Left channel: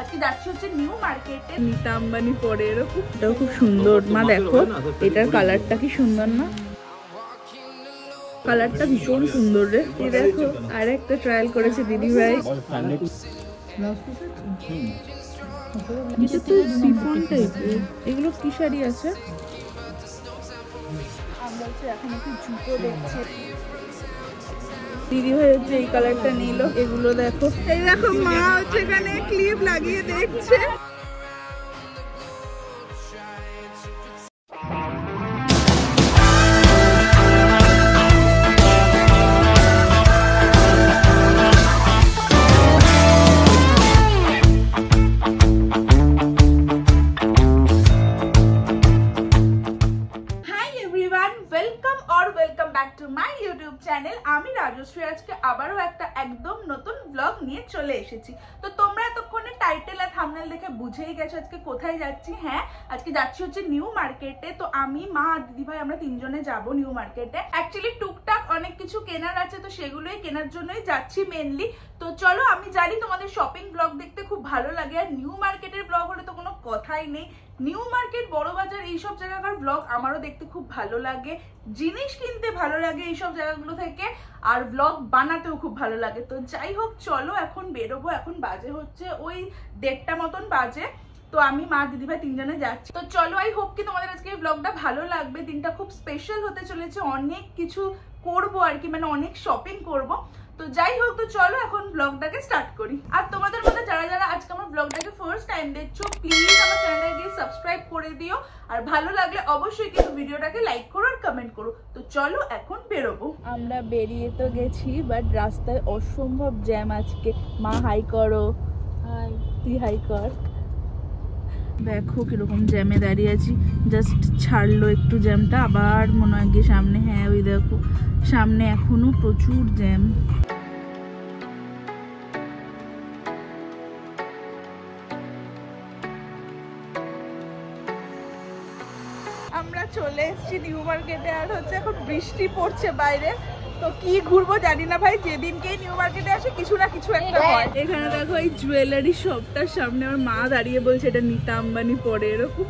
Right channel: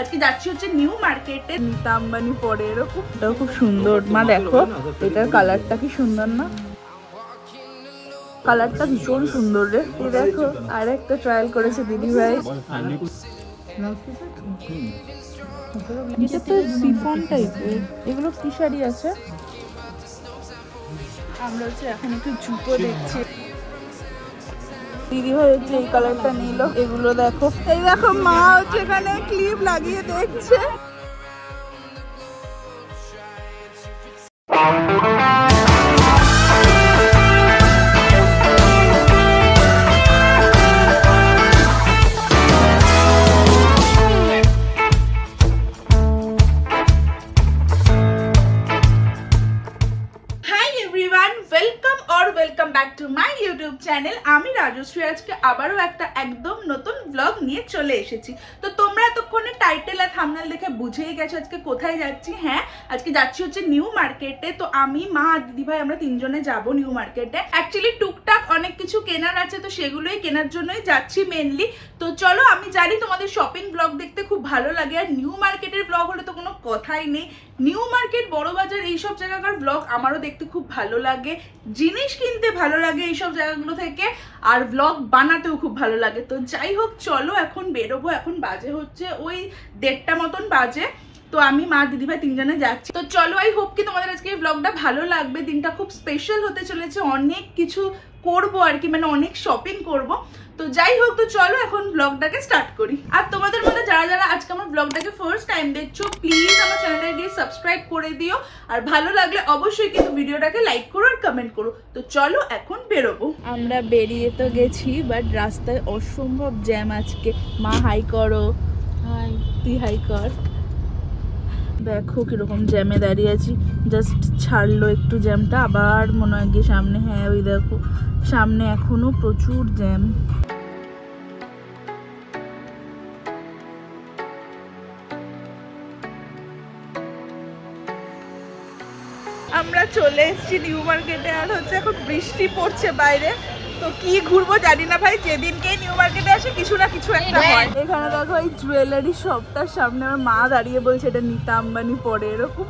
আজকে যাচ্ছি হচ্ছে নিউ মার্কেটে। নীতা আম্বানি পরে এরকম, এটাও খুব সুন্দর। মা দেখো এটার কালারটা কি সুন্দর না? কালারটা ভীষণ সুন্দর রে। এই দেখো আর একটা ট্রায়াল করেছে দিদি ভাই। এটা তো সিফন টাইপের। এগুলো কি শাড়ি আছে? আমরা হচ্ছে এখন একটু ঝুঁকো দেখছি। দিদি ভাই হচ্ছে এই কালারটা নিল। এগুলো দেখো, এই দেখো মা হচ্ছে এখানে ক্লিপ লাগিয়ে দেখছে। আমি রাজশ্রী আজকে আবারও একটা একদম নতুন ব্লগ নিয়ে চলে এসেছি। তো তোমরা এতক্ষণে টাইটেল আর থাম্বনেল দেখে বুঝেই গেছো আজকে কোথায় যাচ্ছি। হ্যাঁ, আজকে যাচ্ছি হচ্ছে নিউ মার্কেটে। তো আমি, মা আর দিদি ভাই আমরা তিনজনে যাব নিউ মার্কেটে। অ্যাকচুয়ালি টুকটাক অনেক কিছু কেনার আছে, তো সেগুলোই কেনার জন্যই যাচ্ছি মেনলি। তো চলো, আমি জানি তোমাদের শপিং ব্লগ দেখতে খুব ভালো লাগে, আর নিউ মার্কেটের ব্লগ হলে তো কোনো কথাই নেই। নিউ মার্কেট, বড়বাজার, এইসব জায়গাকার ব্লগ আমারও দেখতে খুব ভালো লাগে, জিনিস কিনতে ভালো লাগে এইসব জায়গাগুলো থেকে, আর ব্লগ বানাতেও খুব ভালো লাগে। তো যাই হোক, চলো এখন বেরোবো। এখন বাজে হচ্ছে ওই 1:30 মতন বাজে। তো আমি, মা, দিদিভাই তিনজনে যাচ্ছি। তো চলো, আই হোপ কি তোমাদের আজকে এই ব্লগটা ভালো লাগবে। দিনটা খুব স্পেশাল হতে চলেছে, অনেক কিছু করবো আর কি, মানে অনেক শপিং করব। তো যাই হোক, তো চলো এখন ব্লগটাকে স্টার্ট করি। আর তোমাদের মধ্যে যারা যারা আজকে আমার ব্লগটাকে ফার্স্ট টাইম দেখছো, প্লিজ আমার চ্যানেলটাকে গিয়ে সাবস্ক্রাইব করে দিও, আর ভালো লাগলে অবশ্যই কিন্তু ভিডিওটাকে লাইক করো আর কমেন্ট করো। তো চলো এখন বেরোবো। আমরা বেরিয়ে তো গেছি, বাট রাস্তায় অসম্ভব জ্যাম আজকে। মা হাই করো। হাই, তুই হাই কর। দেখো কিরকম জ্যামে দাঁড়িয়ে আছি। জাস্ট ছাড়লো একটু জ্যামটা, আবার মনে হয় গিয়ে সামনে। হ্যাঁ, ওই দেখো সামনে এখনো প্রচুর জ্যাম। আমরা চলে এসেছি নিউ মার্কেটে, আর হচ্ছে এখন বৃষ্টি পড়ছে বাইরে। তো কি ঘুরবো জানি না ভাই, যেদিনকেই নিউ মার্কেটে আসে কিছু না কিছু একটা হয়। এখানে দেখো এই জুয়েলারি শপটার সামনে আমার মা দাঁড়িয়ে বলছে এটা নীতা আম্বানি পরে এরকম।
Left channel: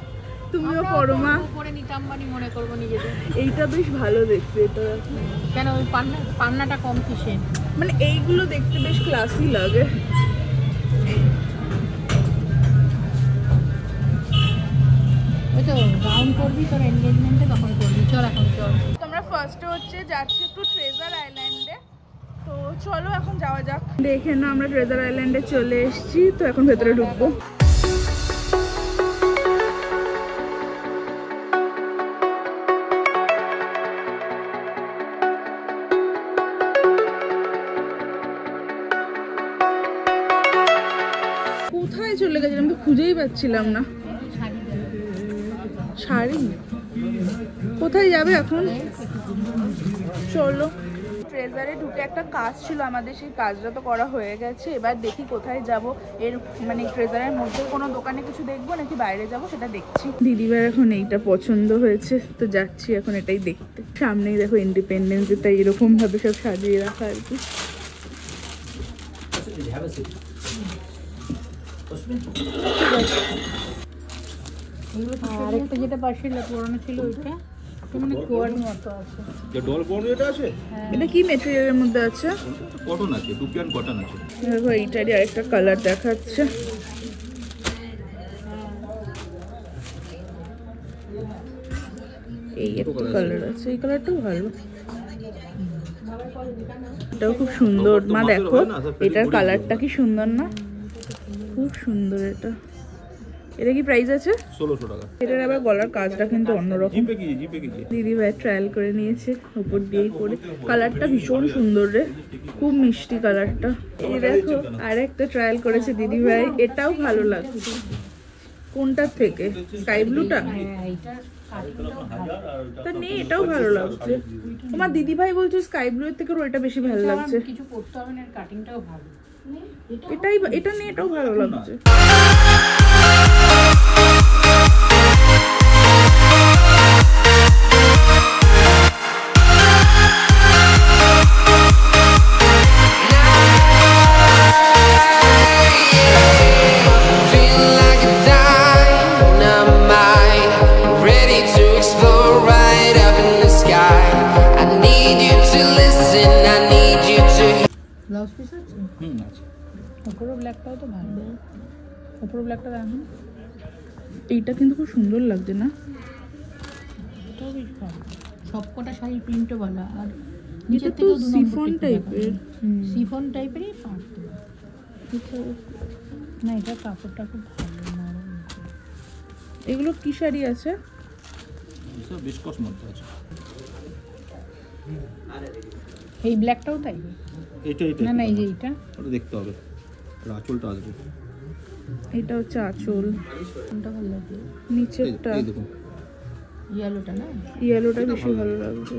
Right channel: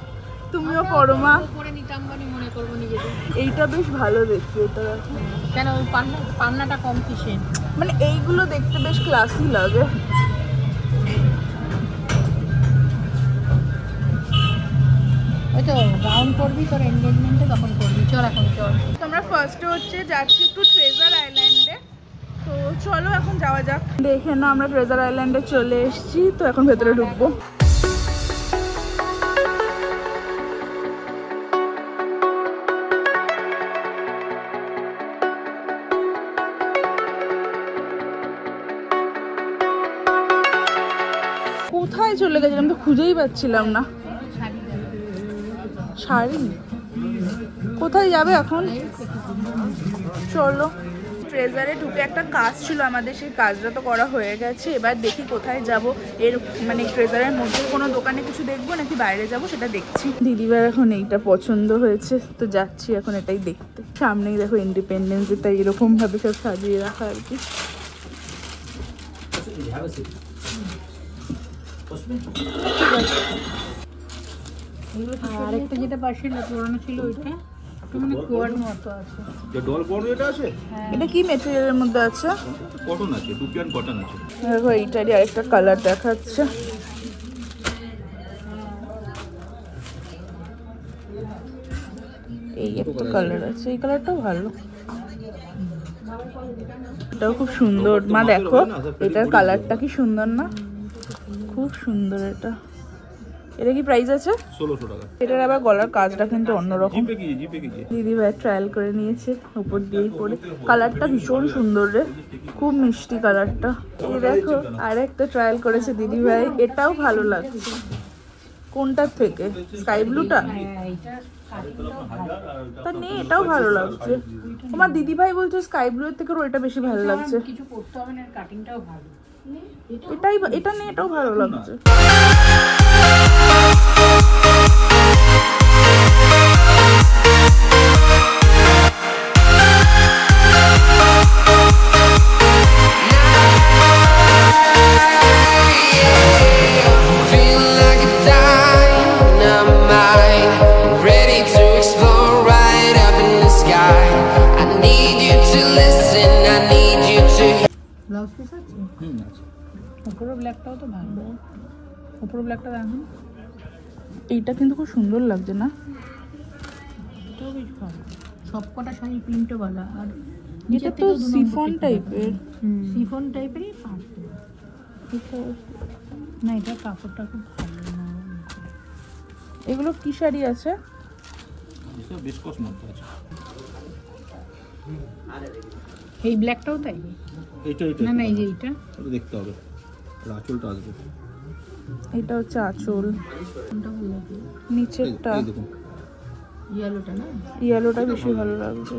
তুমিও পড়ো মা? নীতা আম্বানি মনে করবো নিজেদের। এইটা বেশ ভালো দেখতে। এটা কেন পান্নাটা কম কিসে, মানে এইগুলো দেখতে বেশ ক্লাসি লাগে। ওই তো গাউন করবি তোর এনগেজমেন্টে, তখন করবি। চল এখন চল। তোমরা ফার্স্টে হচ্ছে যাচ্ছি একটু ট্রেজার আইল্যান্ডে। তো চলো এখন যাওয়া যাক। দেখে না, আমরা ট্রেজার আইল্যান্ডে চলে এসেছি। তো এখন ভেতরে ঢুকবো। কোথায় চলে গেছিলাম তো খুঁজেই পাচ্ছিলাম না। শাড়ি কোথায় যাবে এখন? চলো। ট্রেজারে ঢুকে একটা কাজ ছিল আমাদের, সেই কাজটা তো করা হয়ে গেছে। এবার দেখি কোথায় যাব। এর মানে ট্রেজারের মধ্যে কোনো দোকানে কিছু দেখবো নাকি বাইরে যাব সেটা দেখছি। দিদিবার এখন এইটা পছন্দ হয়েছে, তো যাচ্ছি এখন এটাই দেখতে। সামনেই দেখো ইন্ডিপেন্ডেন্স ডে, তাই এরকম ভাবে সব সাজিয়ে রাখা আর কি। এটা কি মেটেরিয়ালের মধ্যে আছে? কটন আছে, টুপিয়ান কটন আছে। দেখো এইটারই আরেকটা কালার দেখাচ্ছে। এই একটা কালার আছে, এই কালারটাও ভালো। এটাও খুব সুন্দর। মা দেখো এটার কালারটা কি সুন্দর না? খুব সুন্দর এটা। এটা কি প্রাইস আছে? 1600 টাকা। এটার আবার গলার কাজটা কিন্তু অন্যরকম। দিদি ভাই ট্রায়াল করে নিয়েছে, উপর দিয়েই পরে। কালারটা ভীষণ সুন্দর রে, খুব মিষ্টি কালারটা। এই দেখো আর একটা ট্রায়াল করেছে দিদি ভাই, এটাও ভালো লাগছে। কোনটার থেকে? স্কাই ব্লুটা? তা নেই, এটাও ভালো লাগছে। আমার দিদি ভাই বলছে স্কাই ব্লু এর থেকে ওইটা বেশি ভালো লাগছে। কিছু করতে হবে না, কাটিংটাও ভালো। এটাই, এটা নেই, এটাও ভালো লাগছে। পিস আছে? আছে। উপরের ব্ল্যাকটাও তো ভালো। উপরের ব্ল্যাকটা দেখুন। এইটা কিন্তু খুব সুন্দর লাগছে না? সবকটা শাড়ি প্রিন্টওয়ালা আর এটা তো সিফন টাইপের। সিফন টাইপেরই পার্ট দেওয়া। না এটা কাপড়টা খুব এগুলো কি শাড়ি আছে? এটা বিস্কস মধ্যে আছে। এই ব্ল্যাকটাও তাই? এটা না না এই যে এটা ওটা দেখতে হবে, আঁচলটা আসবে। এটা হচ্ছে আঁচল, কোনটা ভালো লাগে? নিচেরটা এই দেখুন ইয়েলোটা না? ইয়েলোটা বেশি ভালো লাগছে।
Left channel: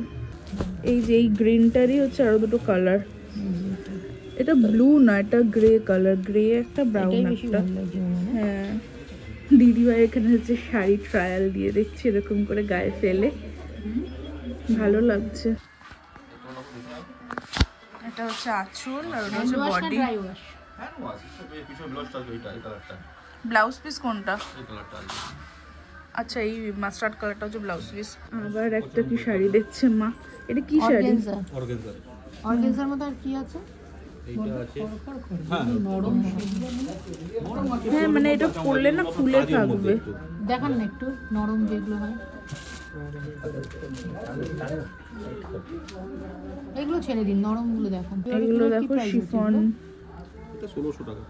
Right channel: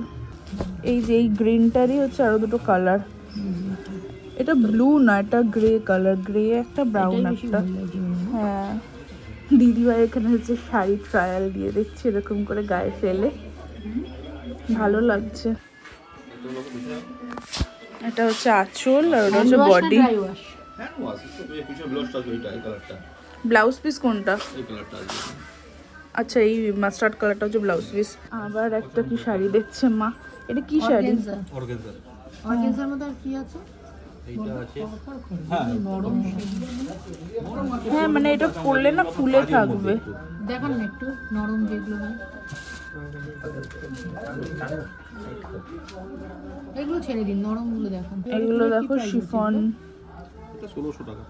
এই যে এই গ্রিনটারই হচ্ছে আরো দুটো কালার। এটা ব্লু না, এটা গ্রে কালার, গ্রে একটা ব্রাউন একটা। হ্যাঁ, দিদিভাই এখানে হচ্ছে শাড়ি ট্রায়াল দিয়ে দেখছি এরকম করে গায়ে ফেলে, ভালো লাগছে। এটা হচ্ছে আঁচল আর ওটা হচ্ছে বডি। ব্লাউজ পিস কোনটা? আচ্ছা এই মাস্টার্ড কালারটা হচ্ছে ব্লাউজ পিস। আবার একটা কি শাড়ি দেখছে মা, এটা কি শাড়ি? অর্গানজার মধ্যে আর কি আছে? হ্যাঁ মানে এটা পরলে না ফুলে থাকবে। দেখান না একটু নরম যেগুলো হয়, এগুলো ছেড়ে দিন, নরম গুলো দেখান। এগুলো দেখো শিফন, 1600 টাকা।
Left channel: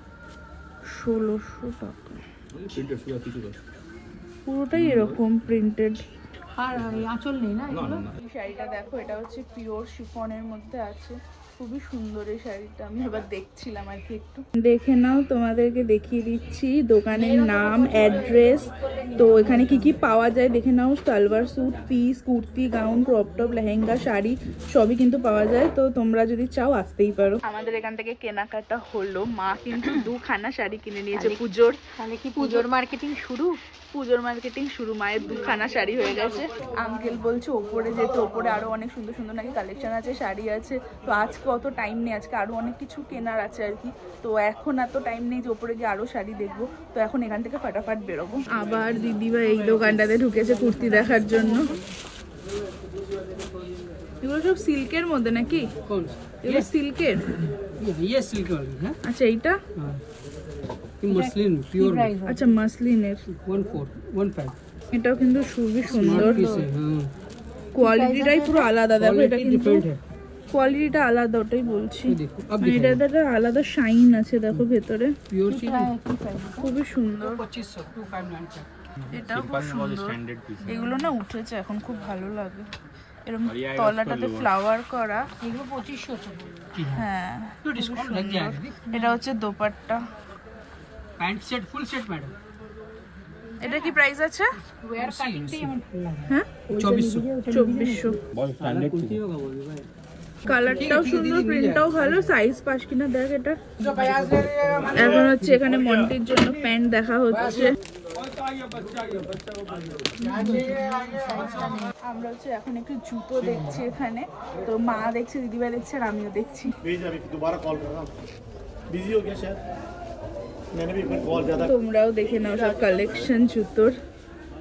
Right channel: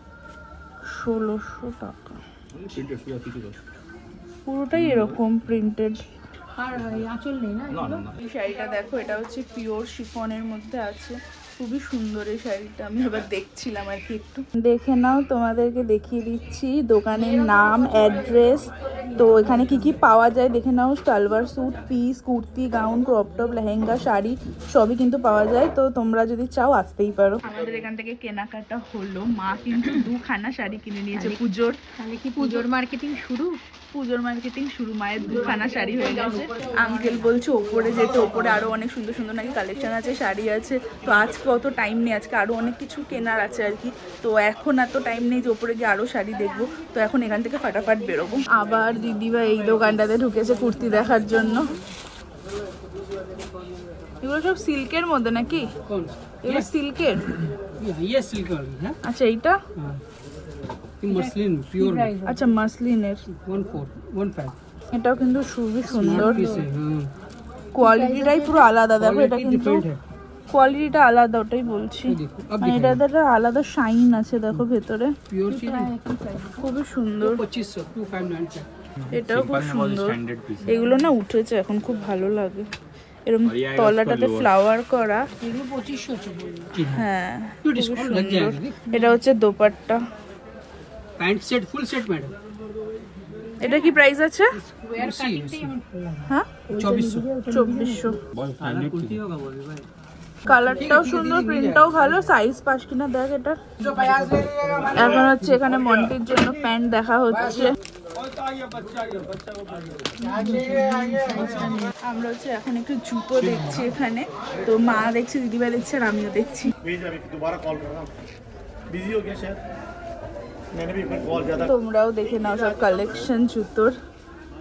1600 টাকা পুরোটাই এরকম প্রিন্টেড। আর আঁচল নেই না? এই শাড়িটা দেখো, এটা হচ্ছে পিওর শিফনের মধ্যে আছে, খুবই সুন্দর এই শাড়িটা। আমি আবার দেখছিলাম আর কি, একটু দেখে নাও, তোমাদেরকে দেখিয়ে দিচ্ছি দোকানের নাম, অ্যাড্রেস। তো এখানে কি কি পাওয়া যায় দেখে নাও। Salwar suit, piece, kurti, gown, crop top, lehenga, sari সবই কিন্তু পাওয়া যায়। তো তোমরা যদি চাও আসতেই পারো। আমাদের এখান থেকে কেনাকাটা হলো, মা কিন্তু 2খানা শাড়ি কিনে নিয়েছে পুজোর। তাহলে কি পুজোর মার্কেটিং শুরু? পুজোর মার্কেটিং শুরু, মায়ের 2খানা শাড়ি হয়ে গেছে। আঙ্কেল বলছে ওপরে যেতে, ওপরে আরো অনেক সুন্দর সুন্দর নাকি কালেকশন আছে, শাড়ি আছে। তো আজকে অত টাইম নেই, আজকে আরো অনেক কিছু কেনার আছে আর কি। তো এখন এত টাইম নেই যে ওপরে গিয়ে আরো শাড়ি দেখবো। তো এখন এখান থেকে ফাটাফাট বেরোবো। আবার দিদিভাই এই দোকানটাতে ঢুকেছে কুর্তি দেখার জন্য। এগুলো সব সিল্কের মধ্যে নাকি? এগুলো সিল্কের? আচ্ছা এইটা মসলিন পিওর, আচ্ছা মাসলিনের 1415। এটাও কিন্তু খুবই সুন্দর, কোয়ালিটিটাই পুরো আলাদা। দেখো এটা কিন্তু কোয়ালিটিটা আলাদা, ওটাই বলছি। মানে এটা একটা আলাদা শাইন আছে, দেখো ভেতরে খুবই সুন্দর। এটাও খুব সুন্দর। এগুলো না উঠেছে এখন, খুব ভালো লাগে এরকম তলাটাতে ফ্লাওয়ার করা। হ্যাঁ খুবই সুন্দর। এটা হচ্ছে dupatta, pant set, full set madam. এটা কি প্রাইস আছে? হ্যাঁ 2400। কালারটাও সুন্দর, প্রিন্টটাও ভালো, সাইজ পাস কিনা দেখ এটা। এখন হচ্ছে এখানে মন্টির জন্য প্যান্ট দেখা হচ্ছে। আমরা হচ্ছে এখন একটু জুতো দেখছি এখানে। তো মা দেখছে, দিদিভাই দেখছে আর আমিও দেখছি। তোমরাও দেখে নাও সব কালেকশন জুতোর।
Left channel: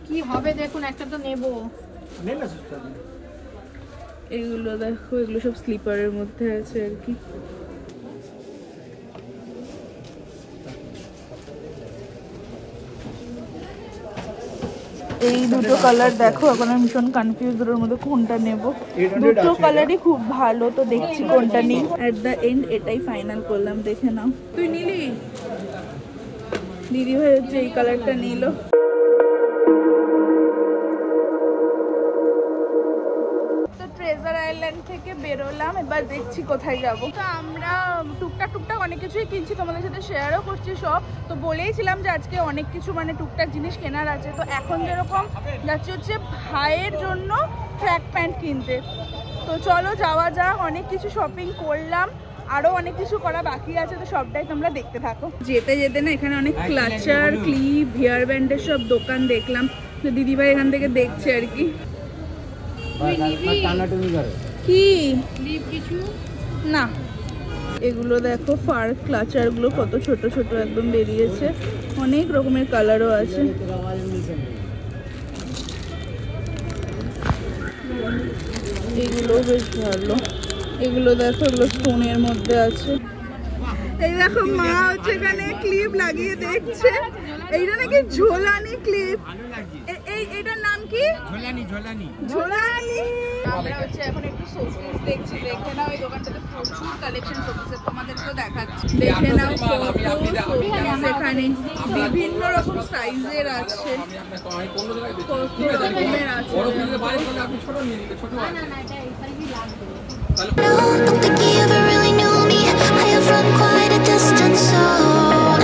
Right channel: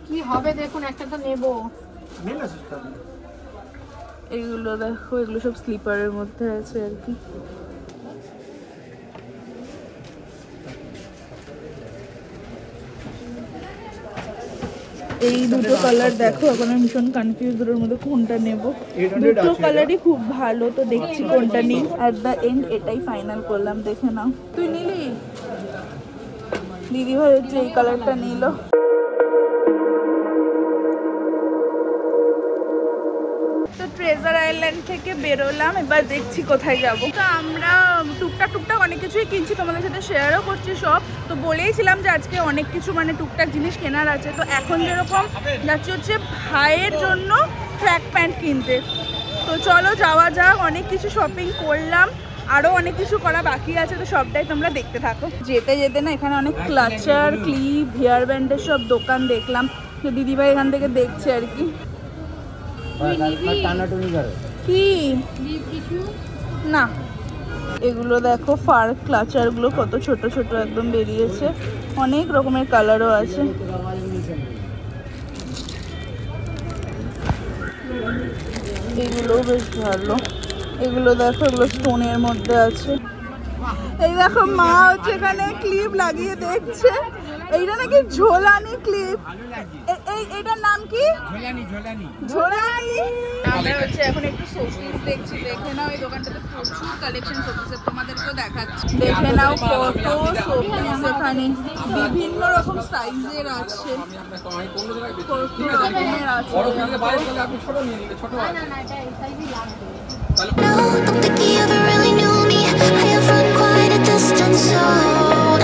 কি হবে দেখুন, একটা তো নেব। এগুলো দেখো, এগুলো সব স্লিপারের মধ্যে আছে আর কি। এই দুটো কালার দেখো, এখন আমি ভীষণ কনফিউজ দুটোর মধ্যে কোনটা নেব। দুটো কালারই খুব ভালো, তো দেখছি কোনটা নিই। এট দ্য এন্ড এটাই ফাইনাল করলাম, দেখে নাও। তুই নিলি? দিদি ভাই হচ্ছে এই কালারটা নিল। তো ট্রেজার আইল্যান্ড থেকে বেরোলাম, এবার দেখছি কোথায় যাব। তো আমরা টুকটাক অনেক কিছুই কিনছি, তোমাদের সাথে শেয়ারও করছি সব। তো বলেইছিলাম যে আজকে অনেক কিছু মানে টুকটাক জিনিস কেনার আছে। তো এখন যেরকম যাচ্ছি হচ্ছে ভাইয়ের জন্য ট্র্যাক প্যান্ট কিনতে। তো চলো যাওয়া যাক। অনেক কিছু শপিং করলাম, আরো অনেক কিছু করা বাকি আছে, তো সবটাই তোমরা দেখতে থাকো। যেতে যেতে না এখানে অনেক ক্লাচার, ক্লিপ, হেয়ার ব্যান্ডের সব দোকান দেখলাম। তো দিদিভাই এখান থেকে দেখছে আর কি। কি না এগুলো দেখো, ফার ক্লাচার গুলো কত ছোট ছোট একদম বেরিয়েছে, অনেক রকমের কালারও আছে। এগুলো বেশ ভালো। এগুলো দেখো, এগুলো স্টোনের মধ্যে আছে। এই দেখো মা হচ্ছে এখানে ক্লিপ লাগিয়ে দেখছে, এইটা নাকি ঝোলানি ক্লিপ। এইটার নাম কি? ঝোলানি। আমরা হচ্ছে এখন একটু শোপিস দেখছি, দেখে নাও এই দোকানটাতে প্রচুর কালেকশন শোপিসের, তোমাদেরকেও দেখাচ্ছি। দেখে নাও কত শোপিস এখানে, বিভিন্ন রকম সাইজের আছে, কত রকমের আছে। No, don't think he ever really knew me. I have run quite a distance, so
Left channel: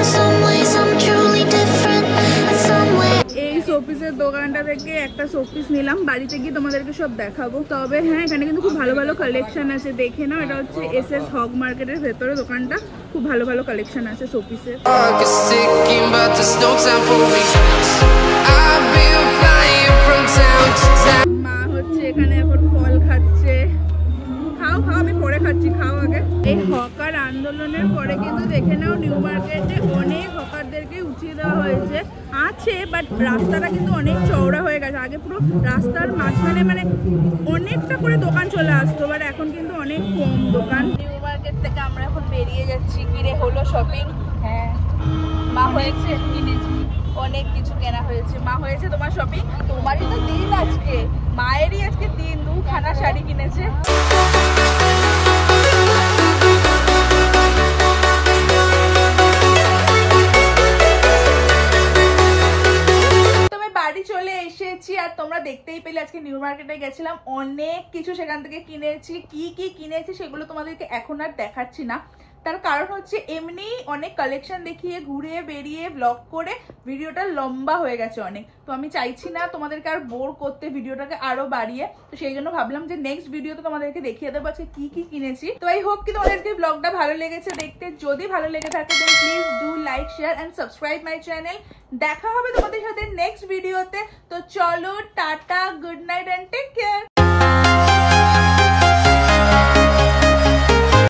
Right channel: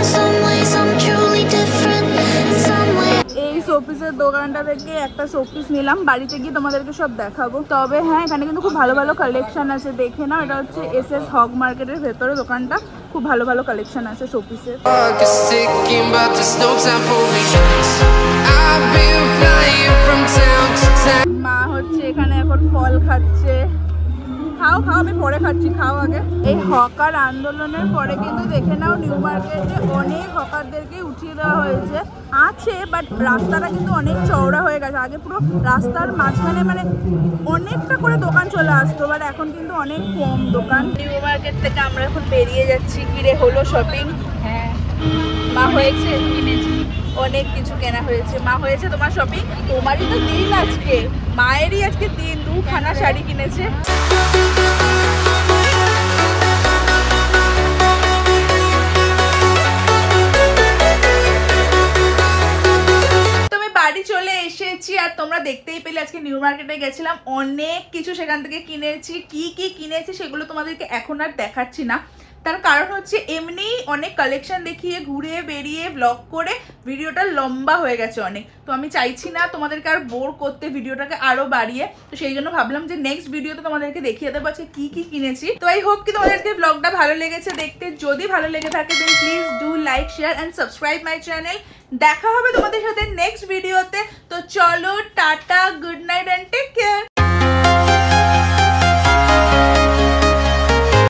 in some ways I'm truly different. In some ways এই শোপিসের দোকানটা থেকে একটা শোপিস নিলাম, বাড়িতে গিয়ে তোমাদেরকে সব দেখাবো। তবে হ্যাঁ, এখানে কিন্তু খুব ভালো ভালো কালেকশন আছে, দেখে নাও। এটা হচ্ছে SS হগ মার্কেটের ভেতরে দোকানটা, খুব ভালো ভালো কালেকশন আছে শোপিসের। Is ticking, but there's no time for regrets. I've been flying from town to town. মা হচ্ছে এখানে এখন ফল খাচ্ছে। খাও খাও, আমি পরে খাচ্ছি, খাও আগে। এই হকার আন্দোলনের পরে কিন্তু দেখে নাও নিউ মার্কেটে অনেক হকারদেরকে উঠিয়ে দেওয়া হয়েছে। আছে বাট রাস্তাটা কিন্তু অনেক চওড়া হয়ে গেছে। আগে পুরো রাস্তার মাঝখানে মানে অনেকটা করে দোকান চলে আসতো, বাট এখন কিন্তু অনেক কম দোকান। নিউ মার্কেট থেকে আমরা এখন বেরিয়ে যাচ্ছি। কিরে হলো শপিং? হ্যাঁ। মা হয়েছে? কিনেছি, অনেক কিছু কেনা হয়েছে। মা হয়েছে তোমার শপিং? তোমারই তো দিন আজকে, মায়েরই আজকে দিন, 2খানা শাড়ি কিনেছে। চলে এসেছি আর তোমরা দেখতেই পেলে আজকে নিউ মার্কেটে গেছিলাম, অনেক কিছু সেখান থেকে কিনেছি। কি কি কিনেছি সেগুলো তোমাদেরকে এখন আর দেখাচ্ছি না, তার কারণ হচ্ছে এমনি অনেক কালেকশন দেখিয়ে ঘুরে বেরিয়ে ব্লগ করে ভিডিওটা লম্বা হয়ে গেছে অনেক। তো আমি চাইছি না তোমাদেরকে আর বোর করতে, ভিডিওটাকে আরো বাড়িয়ে। তো সেই জন্য ভাবলাম যে নেক্সট ভিডিওতে তোমাদেরকে দেখিয়ে দেবো আজকে কি কি কিনেছি। তো আই হোপ কি তোমাদেরকে ব্লগটা ভালো লেগেছে দেখতে। যদি ভালো লেগে থাকে then please do like, share and subscribe my channel. দেখা হবে তোমাদের সাথে নেক্সট ভিডিওতে। তো চলো টাটা, গুড